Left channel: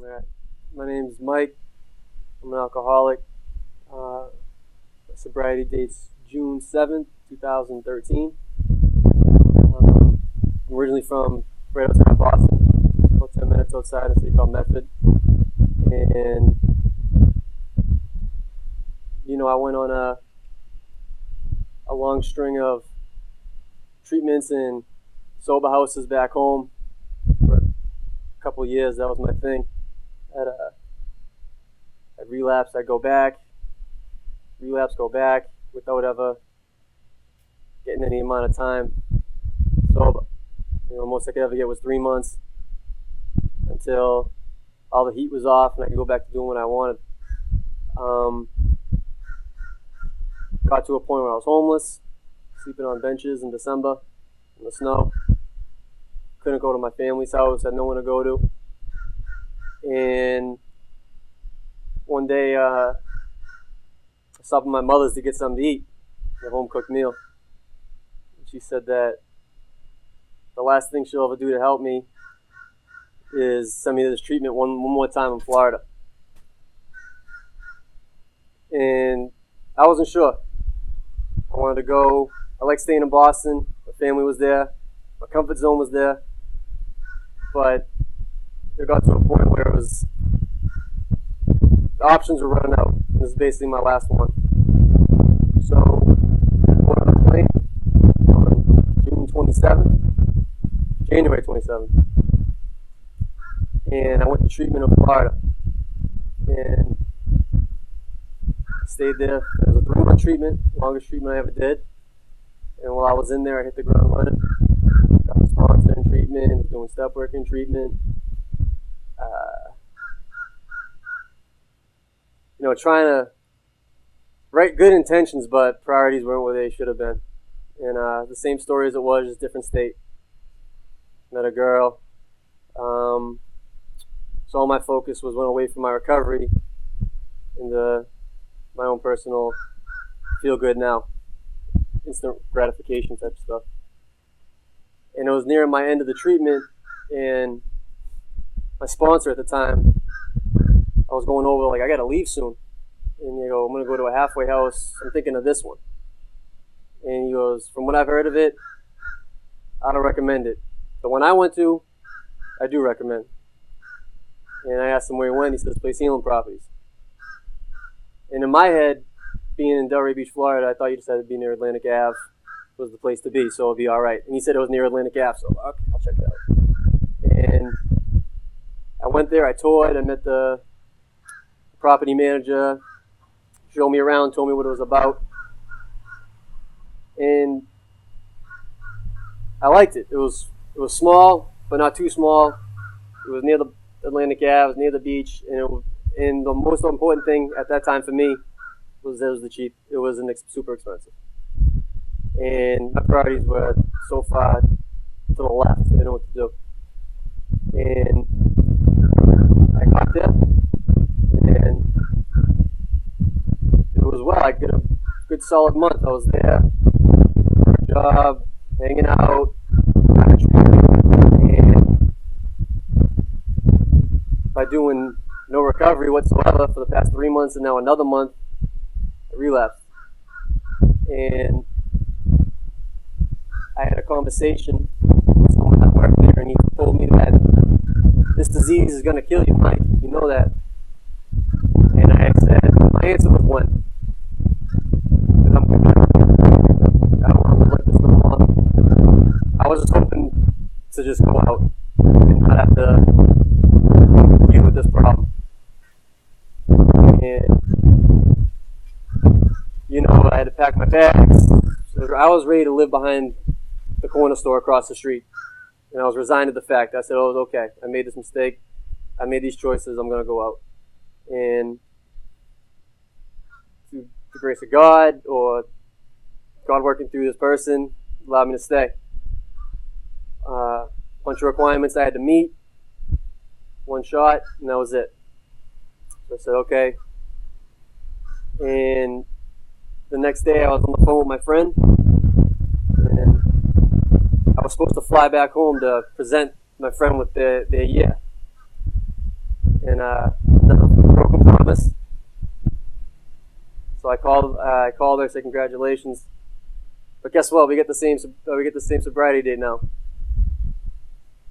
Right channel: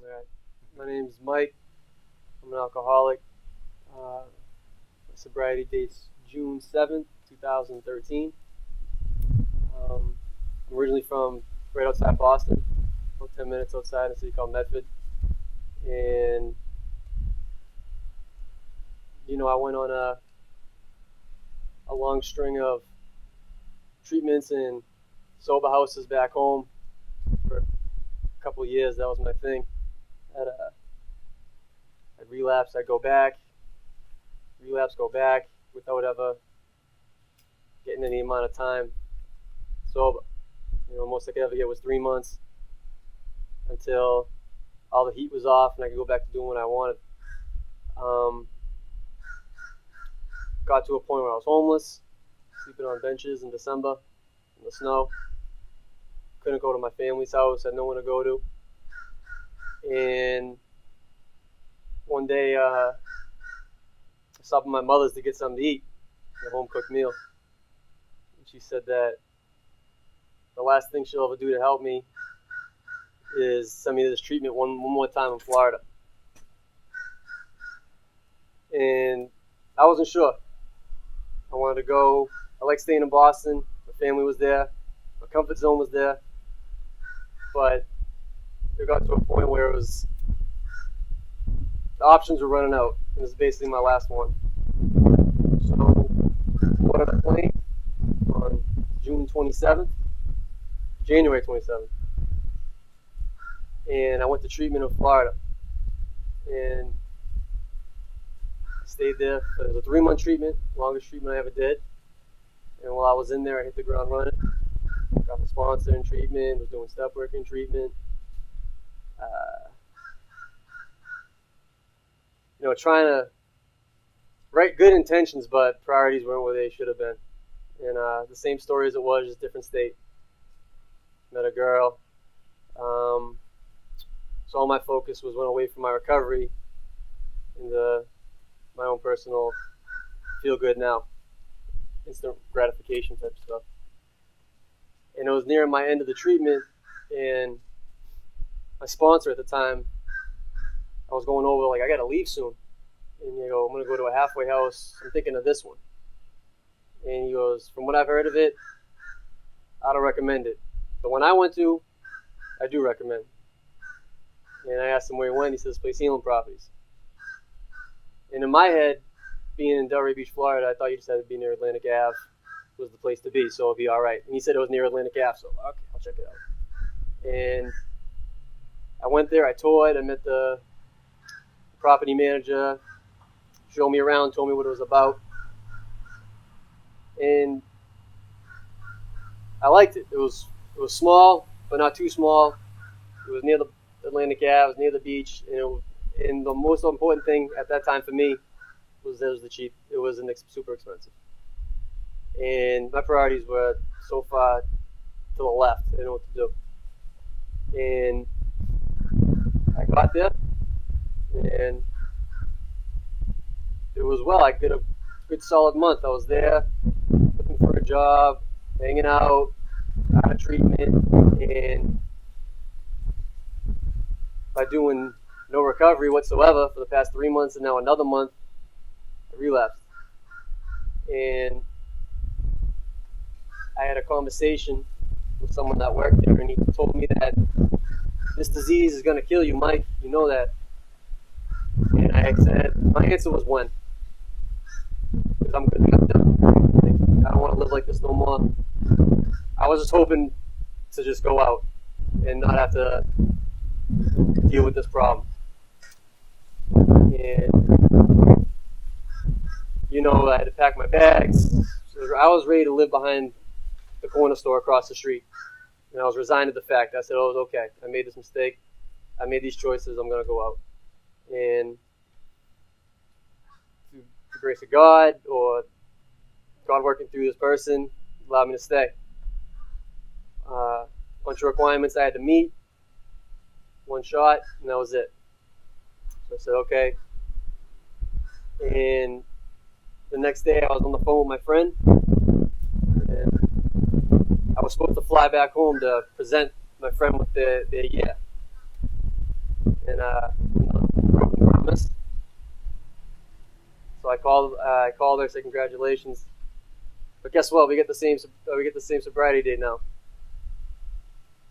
All right. My name's Mike. I'm an alcoholic. My sobriety date's June 7th, 2013. I'm originally from right outside Boston, about 10 minutes outside a city called Medford. And, I went on a long string of treatments in sober houses back home for a couple of years. That was my thing. I'd relapse, I'd go back, relapse, go back, without ever getting any amount of time sober. Most I could ever get was 3 months until all the heat was off and I could go back to doing what I wanted. Got to a point where I was homeless, sleeping on benches in December in the snow. Couldn't go to my family's house, had no one to go to. And one day, I stopped at my mother's to get something to eat, a home-cooked meal. And she said that the last thing she'll ever do to help me is send me to this treatment one more time in Florida. And I wasn't sure. I wanted to go. I like staying in Boston. My family was there. My comfort zone was there. But it got to a point where the options were running out. This is basically my last one. So I boarded a plane on January 27th. And I went to treatment in Florida. And stayed there. It was a 3-month treatment, longest treatment I ever did. And while I was in there, I hit the ground running. Got a sponsor in treatment, was doing step work in treatment. Trying to write good intentions, but priorities weren't where they should have been. And the same story as it was, just different state. Met a girl. So all my focus went away from my recovery into my own personal feel good now, instant gratification type stuff. And it was near my end of the treatment, and my sponsor at the time, I was going over, I gotta leave soon. And you go, I'm gonna go to a halfway house, I'm thinking of this one. And he goes, from what I've heard of it, I don't recommend it. The one I went to, I do recommend. And I asked him where he went, he said, this place, Healing Properties. And in my head, being in Delray Beach, Florida, I thought you just had to be near Atlantic Ave was the place to be, so it'd be all right. And he said it was near Atlantic Ave, so okay, I'll check it out. And I went there, I toured, I met the property manager, showed me around, told me what it was about. And I liked it. It was small, but not too small. It was near the Atlantic Ave, it was near the beach, and the most important thing at that time for me was that it was the cheap. It wasn't super expensive. And my priorities were so far to the left. I didn't know what to do. And I got there, and it was I did a good solid month. I was there for a job, hanging out, out of treatment, and by doing no recovery whatsoever for the past 3 months, and now another month, I relapsed. And I had a conversation with someone that worked there, and he told me that this disease is going to kill you, Mike. You know that. And I said, my answer was when. Because I'm convicted. I don't want to live like this no more. I was just hoping to just go out and not have to deal with this problem. And, I had to pack my bags. So I was ready to live behind the corner store across the street. And I was resigned to the fact. I said, oh, it's okay. I made this mistake. I made these choices. I'm going to go out. And through the grace of God, or God working through this person, allowed me to stay. Bunch of requirements I had to meet. One shot, and that was it. So I said, okay. And the next day I was on the phone with my friend, and I was supposed to fly back home to present my friend with their year. and no, broken promise. So I called her, said congratulations. But guess what? We get the same sobriety date now.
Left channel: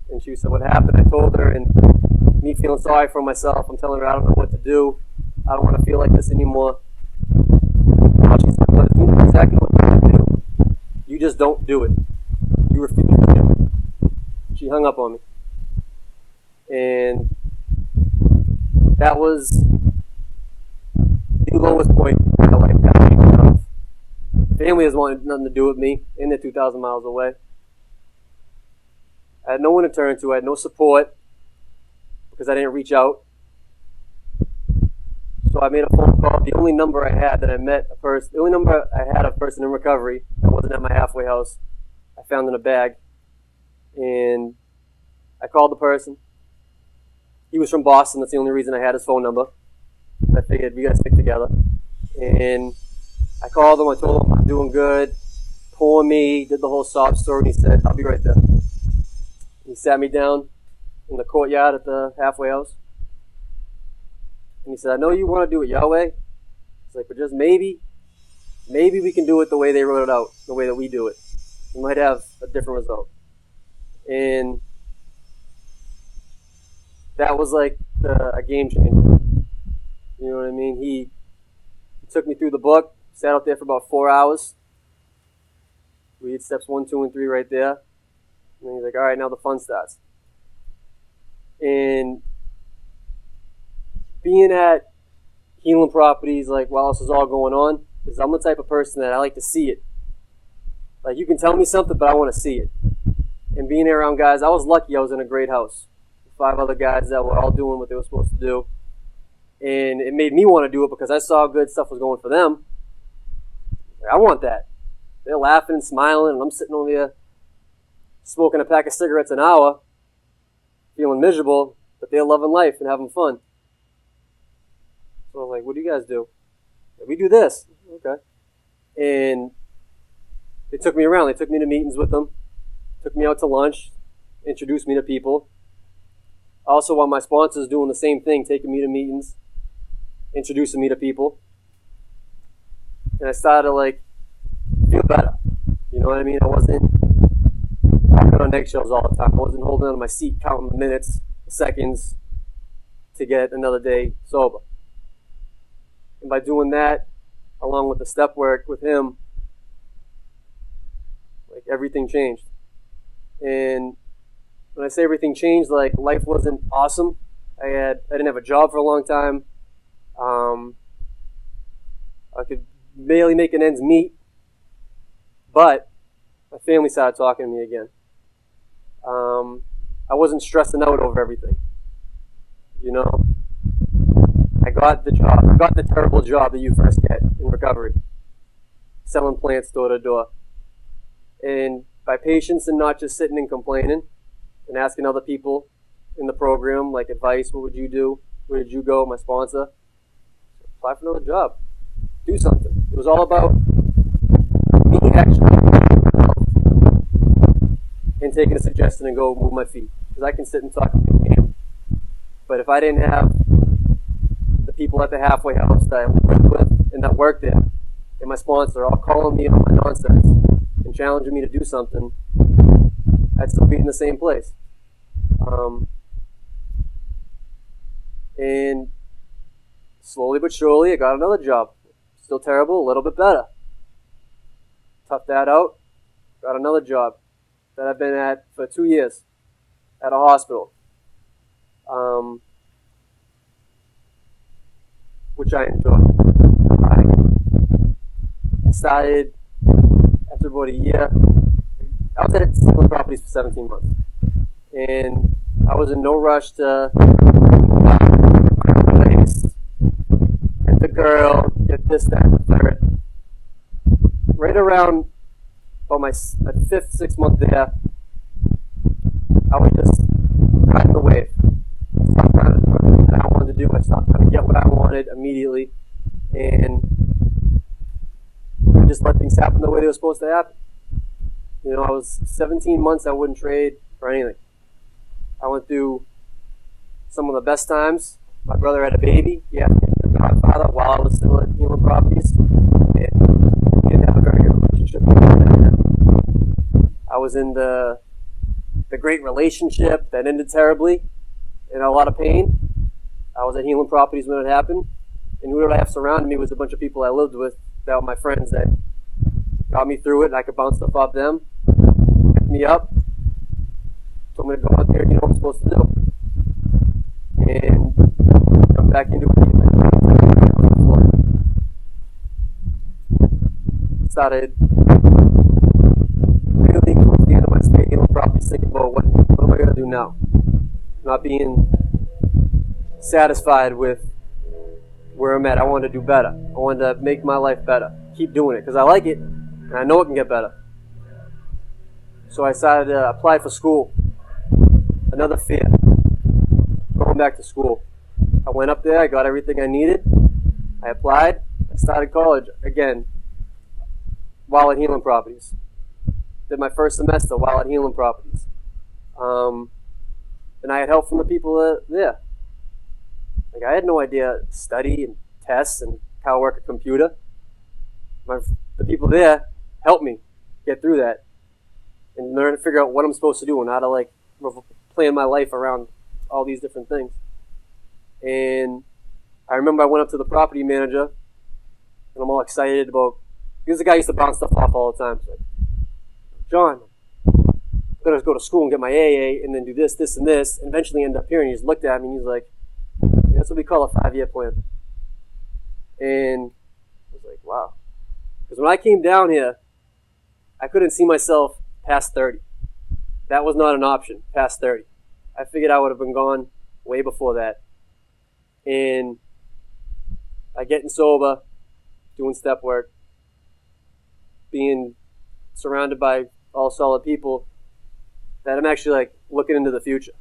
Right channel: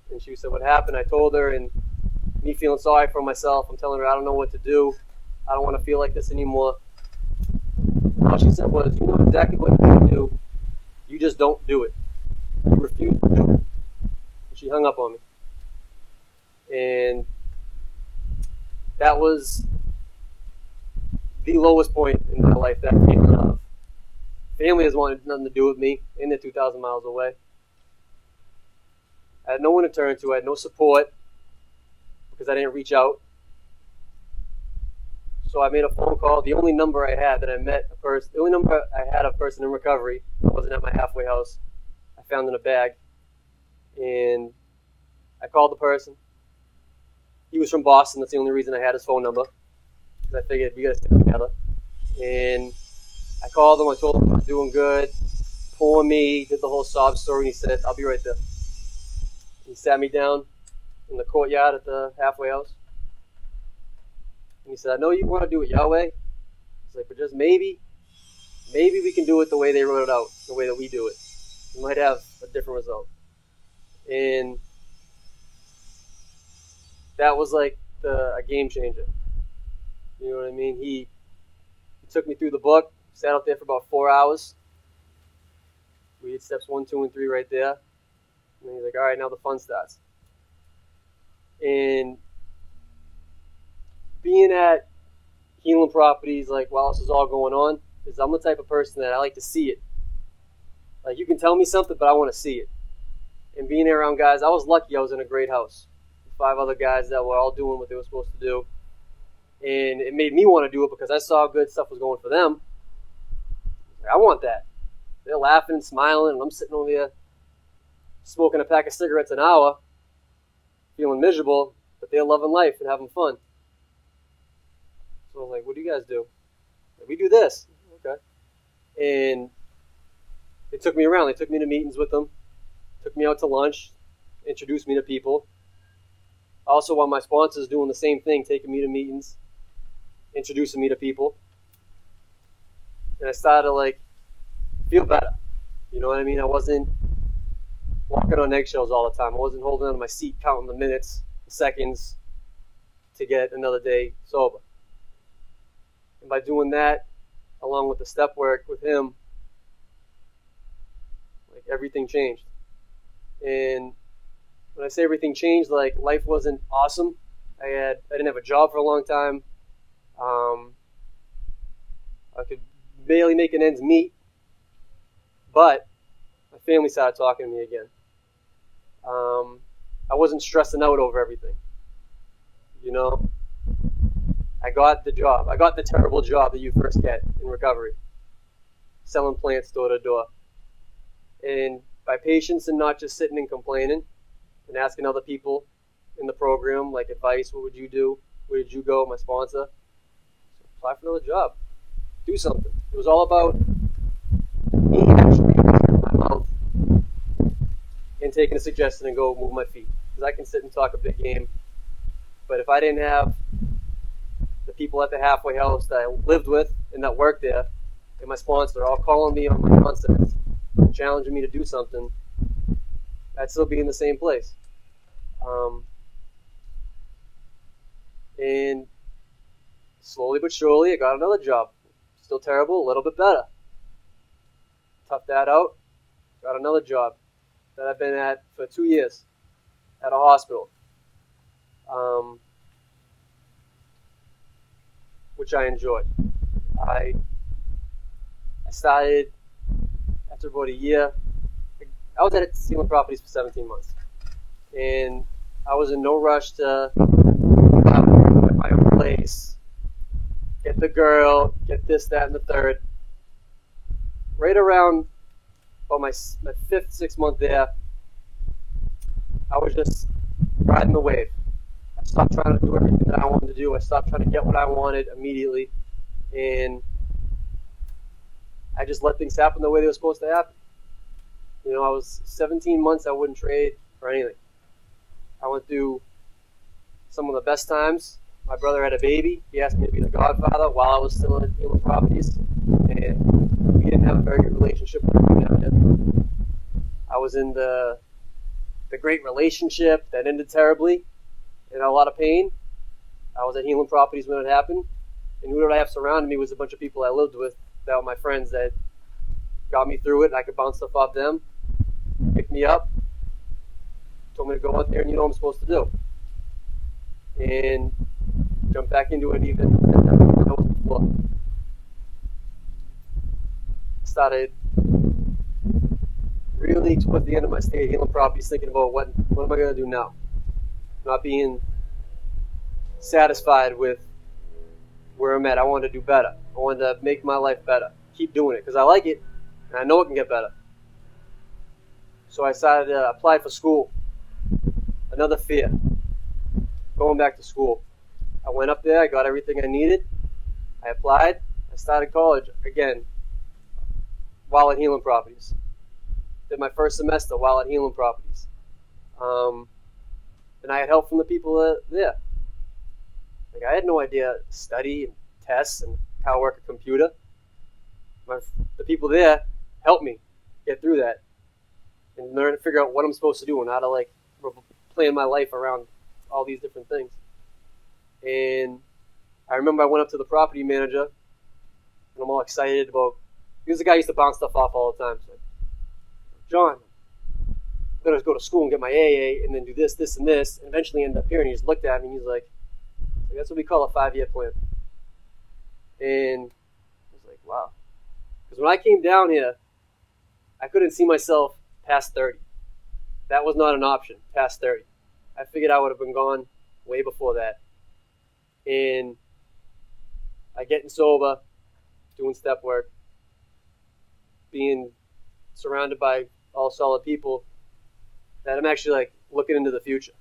And she said, what happened? I told her, and me feeling sorry for myself, I'm telling her I don't know what to do. I don't want to feel like this anymore. All she said was, you know exactly what you want to do. You just don't do it. You refuse to do it. She hung up on me. And that was the lowest point in my life that came out of. Family has wanted nothing to do with me, and they're 2,000 miles away. I had no one to turn to. I had no support because I didn't reach out. So I made a phone call. The only number I had that I met a person, the only number I had of a person in recovery that wasn't at my halfway house, I found in a bag. And I called the person. He was from Boston. That's the only reason I had his phone number. I figured we got to stick together. And I called him. I told him I'm doing good. Poor me. Did the whole sob story. And he said, I'll be right there. He sat me down in the courtyard at the halfway house. And he said, I know you want to do it your way. He's like, but just maybe we can do it the way they wrote it out, the way that we do it. We might have a different result. And that was like a game changer. You know what I mean? He took me through the book, sat out there for about 4 hours. We did steps 1, 2, and 3 right there. And he's like, all right, now the fun starts. And being at Healing Properties, like while this is all going on, is I'm the type of person that I like to see it. Like, you can tell me something, but I want to see it. And being around guys, I was lucky I was in a great house. 5 other guys that were all doing what they were supposed to do. And it made me want to do it because I saw how good stuff was going for them. Like, I want that. They're laughing and smiling, and I'm sitting over there smoking a pack of cigarettes an hour, feeling miserable, but they're loving life and having fun. So I'm like, what do you guys do? Like, we do this. Okay. And they took me around. They took me to meetings with them, took me out to lunch, introduced me to people. Also, while my sponsor's doing the same thing, taking me to meetings, introducing me to people. And I started to, like, feel better. You know what I mean? I wasn't walking on eggshells all the time. I wasn't holding on my seat, counting the minutes, the seconds to get another day sober. And by doing that, along with the step work with him, like, everything changed. And when I say everything changed, like, life wasn't awesome. I didn't have a job for a long time. I could barely make an ends meet. But my family started talking to me again. I wasn't stressing out over everything. You know? I got the job. I got the terrible job that you first get in recovery. Selling plants door to door. And by patience and not just sitting and complaining and asking other people in the program, like, advice, what would you do? Where did you go? My sponsor. Apply for another job. Do something. It was all about me actually opening my mouth and taking a suggestion and go move my feet. Because I can sit and talk a big game. But if I didn't have the people at the halfway house that I lived with and that worked there, and my sponsor all calling me on my nonsense and challenging me to do something, I'd still be in the same place. And slowly but surely, I got another job. Still terrible, a little bit better. Toughed that out, got another job that I've been at for 2 years at a hospital, which I enjoy. I started after about a year. I was at Healing Properties for 17 months, and I was in no rush to move out, get my own place, get the girl, get this, that, and the third. Right around about my 5th, 6th month there, I was just riding the wave. I stopped trying to do everything that I wanted to do. I stopped trying to get what I wanted immediately, and I just let things happen the way they were supposed to happen. You know, I was 17 months I wouldn't trade for anything. I went through some of the best times My brother had a baby. He asked me to be the godfather while I was still at Healing Properties, and we didn't have a very good relationship with him. I was in the great relationship that ended terribly, in a lot of pain. I was at Healing Properties when it happened, and who did I have surrounding me was a bunch of people I lived with that were my friends that got me through it, and I could bounce stuff off them, pick me up, told me to go out there and do what I'm supposed to do. And jump back into it even before. Started really towards the end of my stay at Healing Properties thinking about what am I going to do now? Not being satisfied with where I'm at. I wanted to do better. I wanted to make my life better. Keep doing it because I like it and I know it can get better. So I decided to apply for school. Another fear. Going back to school. I went up there, I got everything I needed. I applied. I started college again while at Healing Properties. Did my first semester while at Healing Properties. And I had help from the people there. Like I had no idea study and tests and how to work a computer. The people there helped me get through that and learn to figure out what I'm supposed to do and how to plan my life around all these different things. And I remember I went up to the property manager and I'm all excited about, he was the guy who used to bounce stuff off all the time. So like, John, I'm going to go to school and get my AA and then do this, this, and this, and eventually end up here. And he just looked at me and he's like, that's what we call a 5-year plan. And I was like, wow. Because when I came down here, I couldn't see myself past 30. That was not an option, past 30. I figured I would have been gone way before that. And by getting sober, doing step work, being surrounded by all solid people, that I'm actually looking into the future.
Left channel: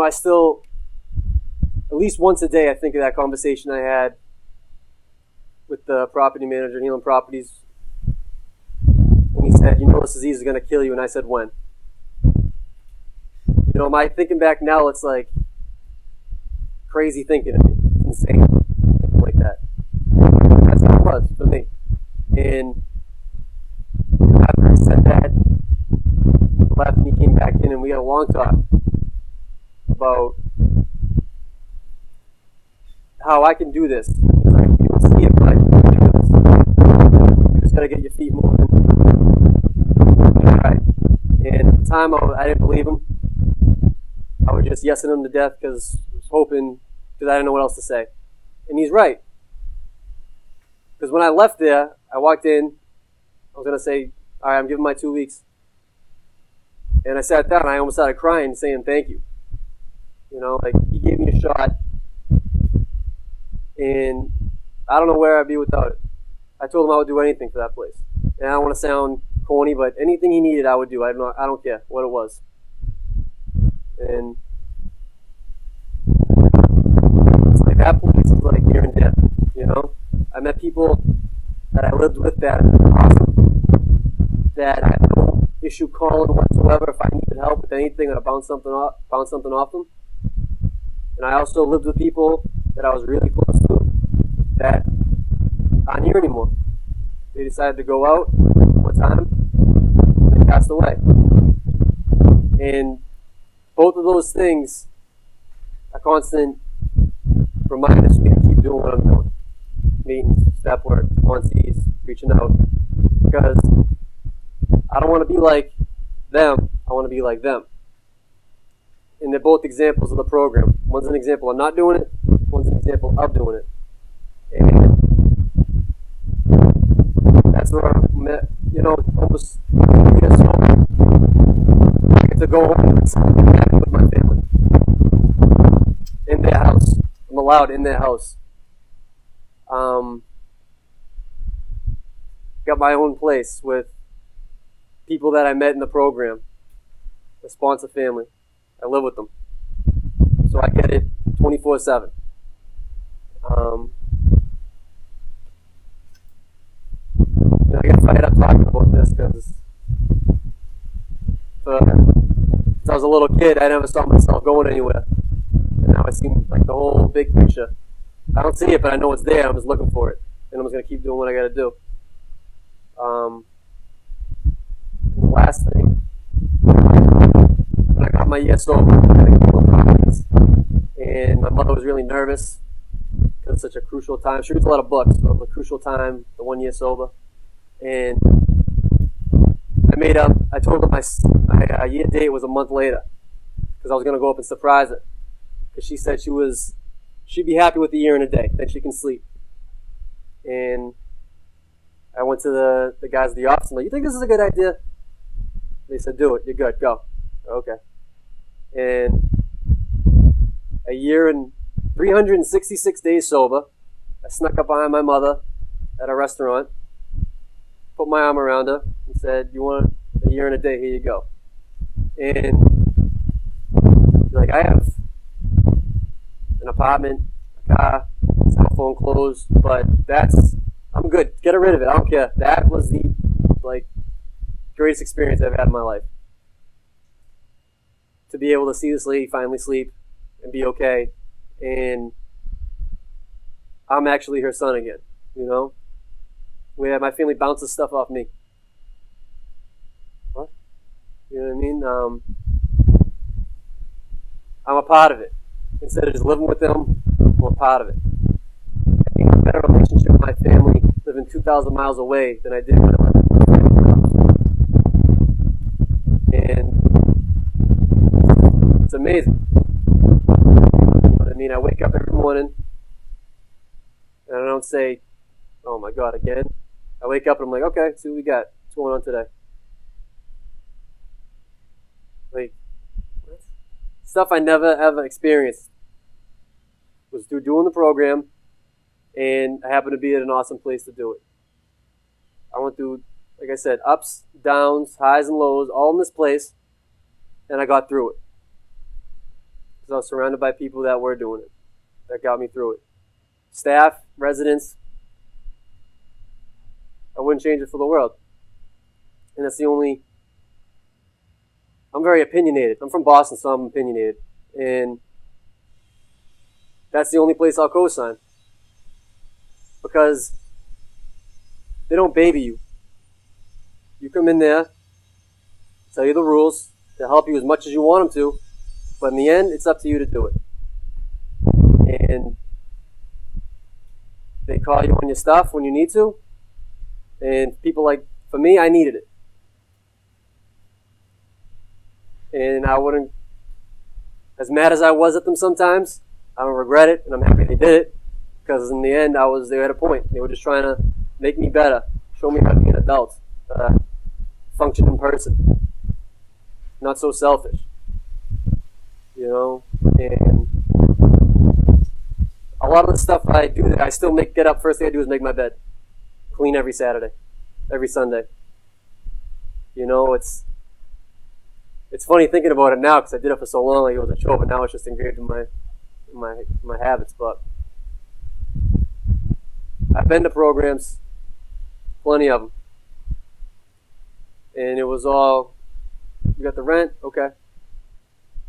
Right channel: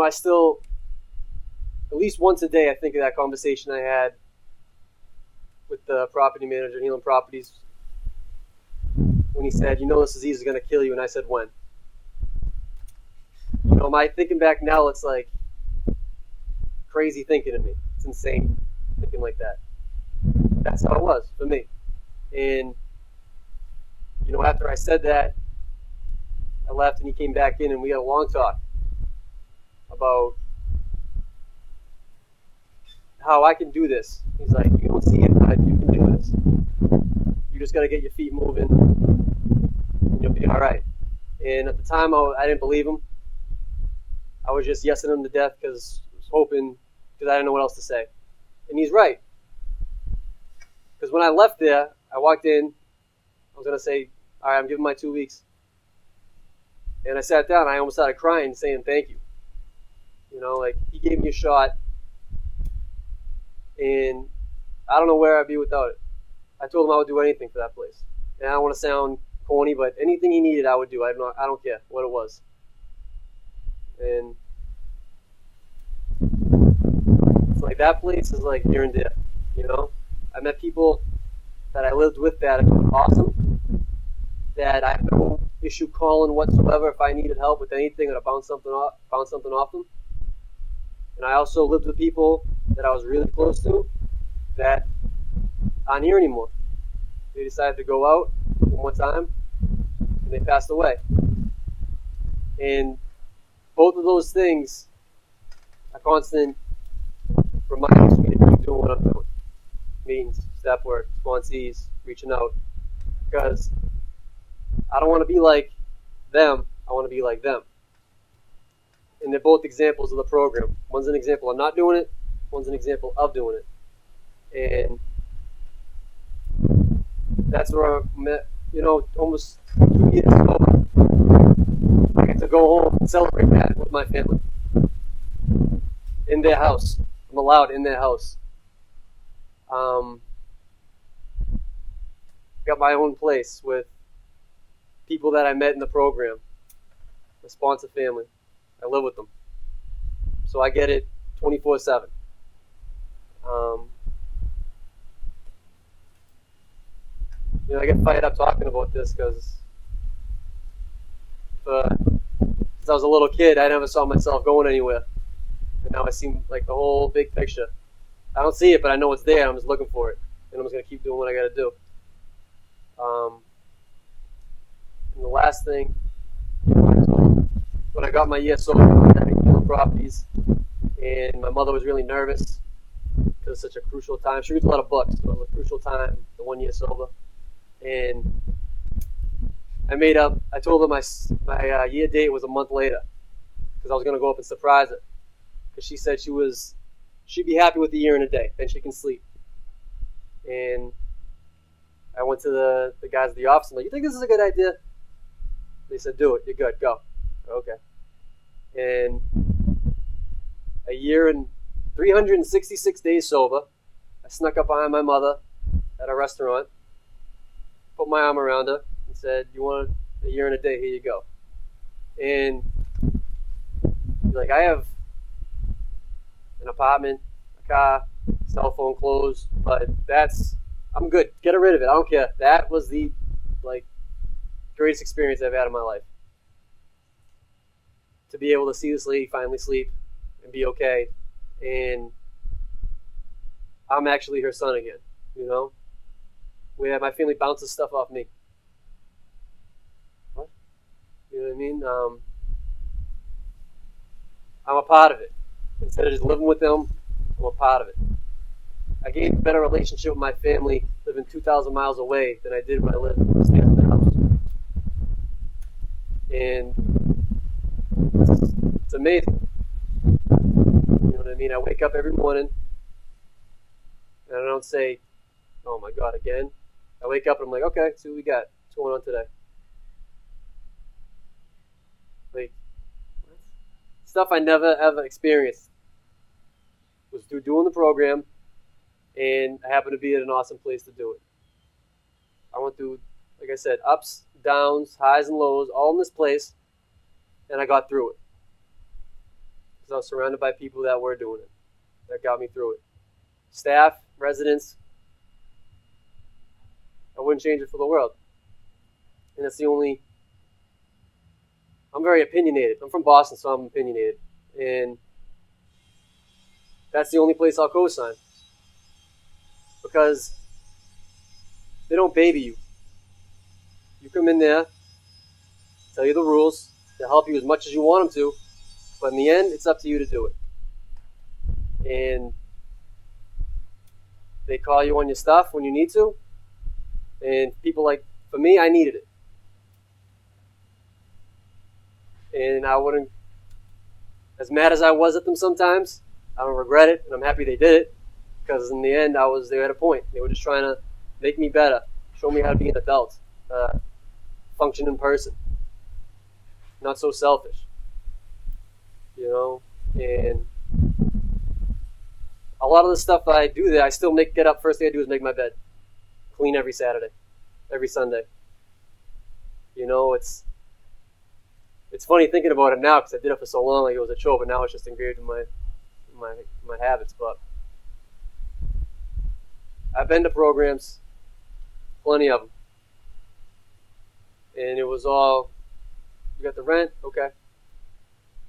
I still, at least once a day, I think of that conversation I had with the property manager at Healing Properties when he said, this disease is going to kill you, and I said, when? My thinking back now, it's like crazy thinking of me. It's insane thinking like that. That's how it was for me. And, after I said that, I left and he came back in and we had a long talk about how I can do this. He's like, you don't see it, but you can do this. You just got to get your feet moving. You'll be all right. And at the time, I didn't believe him. I was just yesing him to death because I was hoping, because I didn't know what else to say. And he's right. Because when I left there, I walked in, I was going to say, all right, I'm giving my 2 weeks. And I sat down and I almost started crying saying thank you. He gave me a shot. And I don't know where I'd be without it. I told him I would do anything for that place. And I don't want to sound corny, but anything he needed I would do. I don't care what it was. And it's like that place is like near and dear, I met people that I lived with that are awesome, that I have no issue calling whatsoever if I needed help with anything or bounce something off them. And I also lived with people that I was really close to that aren't here anymore. They decided to go out one time and they passed away. And both of those things are constant reminders for me to keep doing what I'm doing. Meetings, step work, sponsees, reaching out. Because I don't want to be like them, I want to be like them. And they're both examples of the program. One's an example of not doing it, one's an example of doing it. And that's where I'm at, almost years sober. I get to go home and celebrate that with my family. In their house. I'm allowed in their house. Got my own place with people that I met in the program. The sponsor family. I live with them. So I get it 24/7. I get fired up talking about this because since I was a little kid, I never saw myself going anywhere. now I see like the whole big picture. I don't see it, but I know it's there. I'm just looking for it, and I'm just gonna keep doing what I gotta do. And the last thing, when I got my ESO, I had a couple of properties, and my mother was really nervous because it's such a crucial time. She reads a lot of books, so it was a crucial time, the 1 year sober. And I told her my year date was a month later because I was going to go up and surprise her. Because she said she'd be happy with the year and a day, then she can sleep. And I went to the guys at the office and like, you think this is a good idea? They said, do it, you're good, go. Okay. And a year and 366 days sober, I snuck up behind my mother at a restaurant, put my arm around her, and said, you want a year and a day, here you go. And like, I have an apartment, a car, cell phone, clothes, but I'm good. Get rid of it. I don't care. That was the greatest experience I've had in my life. To be able to see this lady finally sleep and be okay, and I'm actually her son again, where my family bounces stuff off me. What? You know what I mean? I'm a part of it. Instead of just living with them, I'm a part of it. I gained a better relationship with my family living 2,000 miles away than I did when I lived in this family house. And it's amazing. You know what I mean? I wake up every morning and I don't say, oh my God, again. I wake up and I'm like, okay, see what we got. What's going on today? Like, stuff I never ever experienced was through doing the program, and I happened to be at an awesome place to do it. I went through, like I said, ups, downs, highs and lows, all in this place, and I got through it. Because I was surrounded by people that were doing it, that got me through it. Staff, residents, I wouldn't change it for the world. And that's the only... I'm very opinionated. I'm from Boston, so I'm opinionated. And that's the only place I'll co-sign. Because they don't baby you. You come in there, tell you the rules, they'll help you as much as you want them to, but in the end, it's up to you to do it. And they call you on your stuff when you need to, and people for me, I needed it. And I wouldn't, as mad as I was at them sometimes, I don't regret it, and I'm happy they did it, because in the end, they were at a point. They were just trying to make me better, show me how to be an adult, functioning person, not so selfish, and a lot of the stuff that I do that I still get up, first thing I do is make my bed, clean every Saturday, every Sunday. It's funny thinking about it now because I did it for so long, like it was a chore, but now it's just engraved in my habits. But I've been to programs, plenty of them, and it was all, you got the rent, okay.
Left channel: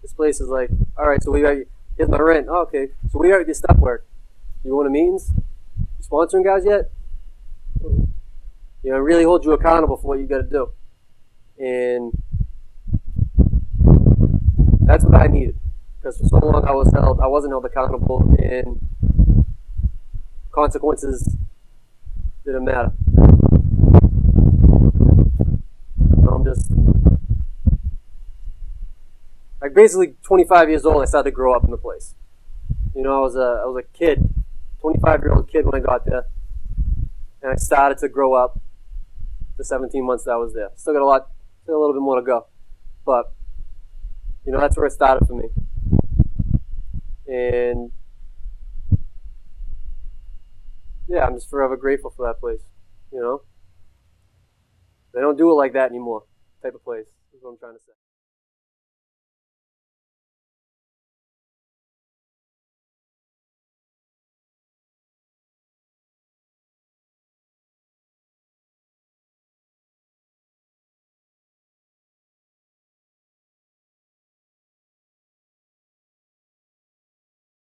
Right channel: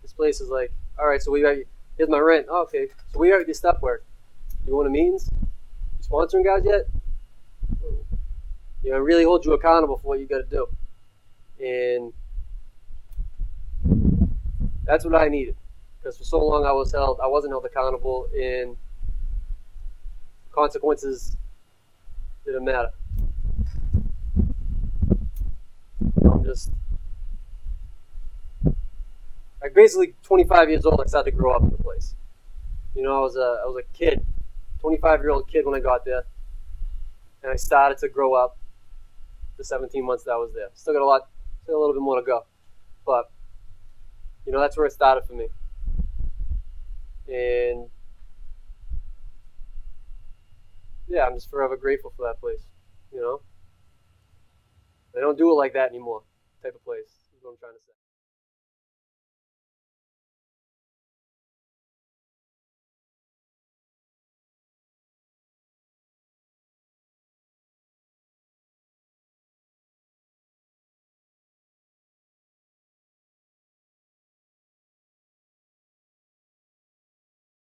This place is like, all right, so here's my rent. Oh, okay, so we got your stuff work. You want a meetings? You sponsoring guys yet? It really holds you accountable for what you got to do, and that's what I needed, because for so long I wasn't held accountable, and consequences didn't matter. I'm basically 25 years old. I started to grow up in the place. I was a kid, 25-year-old kid when I got there, and I started to grow up the 17 months that I was there. Still got a little bit more to go, but that's where it started for me. And yeah, I'm just forever grateful for that place. They don't do it like that anymore, type of place, is what I'm trying to say.